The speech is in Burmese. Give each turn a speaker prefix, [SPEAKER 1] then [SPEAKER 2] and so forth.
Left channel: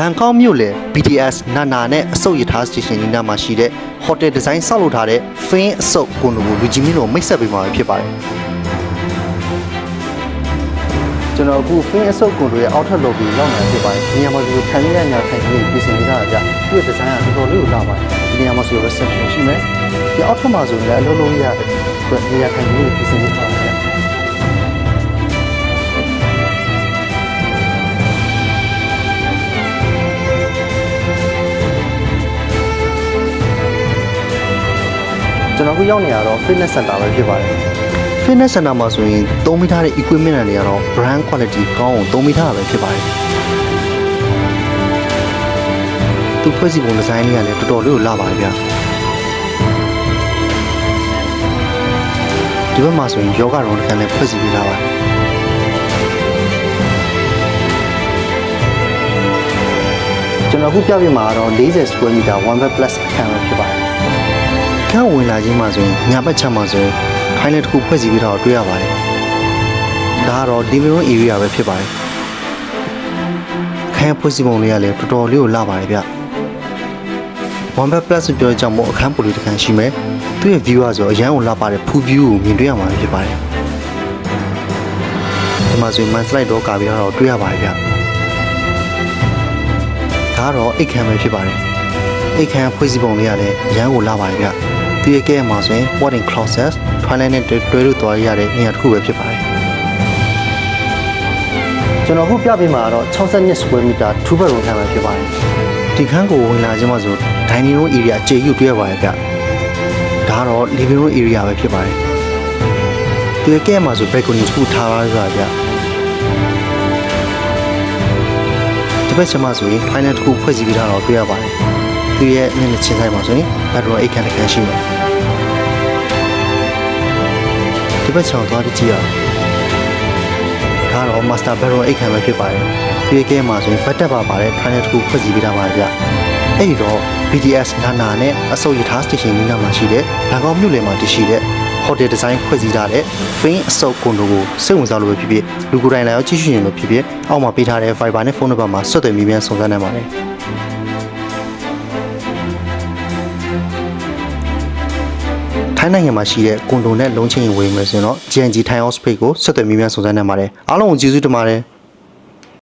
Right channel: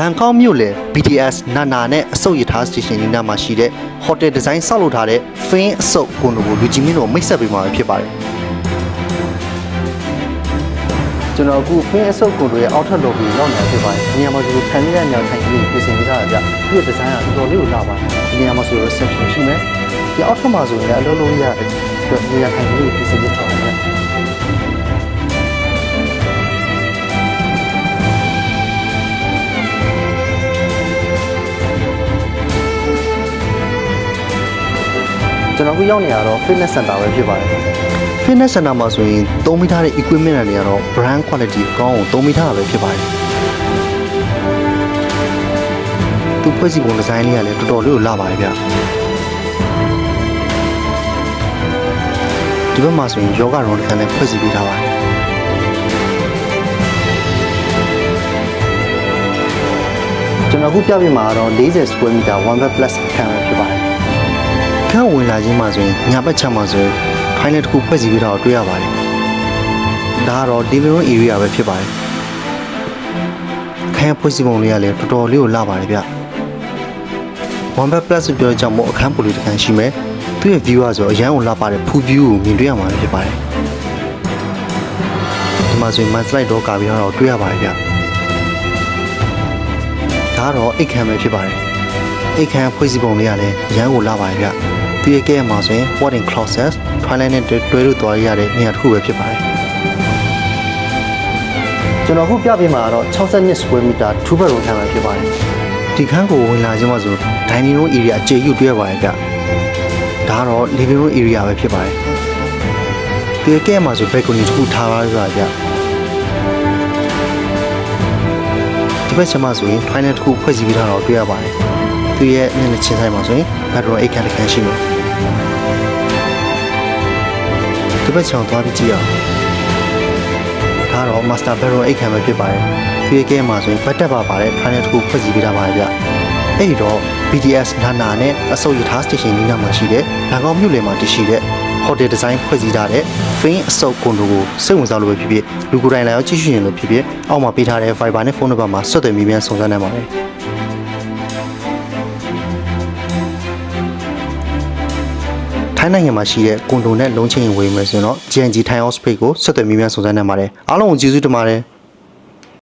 [SPEAKER 1] ဘန်ကောက်မြို့လေ BTS နာနာနဲ့အစုပ်ရထားစတေရှင်နီနာမှာရှိတဲ့ hotel design ဆောက်လုပ်ထားတဲ့ Fin အစုပ်ကွန်ဒိုကိုလူကြီးမင်းတို့မိတ်ဆက်ပေးမှာဖြစ်ပါတယ်ကျွန်တော်အခု Fin အစုပ်ကွန်ဒိုရဲ့အောက်ထပ် lobby ရောက်နေတာဖြစ်ပါတယ်ဒီနေရာမှာဒီထိုင်ရရညာထိုင်ကလေးပြင်ဆင်ပေးထားတာကြသူ့ရဲ့ design ကတော်တော်လေးကိုလာပါတယ်ဒီနေရာမှာဆို reception ရှိမယ်ဒီအောက်ထပ်မှာဆိုရင်လည်းအလုံးလုံးရအတွက်နေရာထိုင်ကလေးပြင်ဆင်ပေးထားပါတယ် ကျွန်တော်အခုရောက်နေရတော့ fitness center ပဲဖြစ်ပါတယ် fitness center မှာဆိုရင်သုံးမိထားတဲ့ equipment တွေကတော့ brand quality ကောင်းအောင်သုံးမိထားတာပဲဖြစ်ပါတယ်သူဖွဲ့စည်းပုံဒီဇိုင်းလေးကလည်းတော်တော်လေးကိုလာပါတယ်ဗျဒီဘက်မှာဆိုရင်ယောဂရုံးတစ်ခန်းလည်းဖွဲ့စည်းပေးထားပါတယ်ကျွန်တော်အခုပြပြမှာကတော့40 square meter 1 bed plus အခန်းပဲဖြစ်ပါတယ် ခန့်ဝင်လာခြင်းမှာဆိုရင်ညာဘက်ချက်မှာဆိုရင်ဖိုင်နယ်တစ်ခုဖွဲ့စည်းပြီးတော့တွေ့ရပါတယ်။ဒါကတော့ living room area ပဲဖြစ်ပါတယ်။အခန်းဖွဲ့စည်းပုံလေးကလည်းတော်တော်လေးကိုလာပါတယ်ဗျ။ one bed plus ပြောကြမို့အခန်းပိုလေးတစ်ခန်းရှိမယ်။သူ့ရဲ့ view ကဆိုအရန်ကိုလာပါတယ် full view ကိုမြင်တွေ့ရမှာပဲဖြစ်ပါတယ်။ဒီမှာဆိုရင် man slide တော့ကာပြီးတော့တွေ့ရပါတယ်ဗျ။ဒါကတော့အိတ်ခမ်းပဲဖြစ်ပါတယ်။အိတ်ခမ်းဖွဲ့စည်းပုံလေးကလည်းရမ်းကိုလာပါတယ်ဗျ။ သူရဲ့ကဲမှာဆိုရင် Wording Closet Twilight နဲ့တွဲလို့သွားရတဲ့နေရာတစ်ခုပဲဖြစ်ပါတယ်။ကျွန်တော်အခုပြပေးမှာကတော့62 square meter 2 bedroom ခန်းပဲဖြစ်ပါတယ်။ဒီခန်းကိုဝင်လာခြင်းမှာဆို dining room area အခြေယူတွေ့ရပါတယ်ဗျ။ဒါကတော့ living room area ပဲဖြစ်ပါတယ်။သူရဲ့ကဲမှာဆို balcony တစ်ခုထားပါရဗျ။ဒီဘက်ချက်မှာဆိုရင် final တစ်ခုဖွဲ့စည်းပေးထားတော့တွေ့ရပါတယ်။ သူရဲ့မျက်နှာချင်းဆိုင်မှာဆိုရင်ဘတ်ရောအိတ်ခမ်းတစ်ခမ်းရှိမယ်ဒီဘက်ချောင်းသွားပြီးကြည့်အောင်ဒါတော့ master bedroom အိတ်ခမ်းပဲဖြစ်ပါတယ်သူရဲ့ကဲမှာဆိုရင်ဘတ်တက်ပါပါတယ် final တစ်ခုဖွဲ့စည်းပေးထားပါတယ်ဗျအဲ့ဒီတော့ BTS နာနာနဲ့အစုပ်ရထား station နီးနားမှာရှိတဲ့ဘန်ကောက်မြို့လယ်မှာတည်ရှိတဲ့ hotel design ဖွဲ့စည်းထားတဲ့ Fin အစုပ်ကွန်ဒိုကိုစိတ်ဝင်စားလို့ပဲဖြစ်ဖြစ်လူကိုယ်တိုင်လာရောက်ကြည့်ရှုရင်လို့ဖြစ်ဖြစ်အောက်မှာပေးထားတဲ့ Viber နဲ့ဖုန်းနံပါတ်မှာဆက်သွယ်မိမြန်စုံစမ်းနိုင်ပါတယ် ထိုင်းနိုင်ငံမှာရှိတဲ့ကွန်ဒိုနဲ့လုံးချင်းရင်ဝယ်မယ်ဆိုရင်တော့ GNG Thai House Page ကိုဆက်သွယ်မိမြန်စုံစမ်းနိုင်ပါတယ်အားလုံးကိုကျေးဇူးတင်ပါတယ်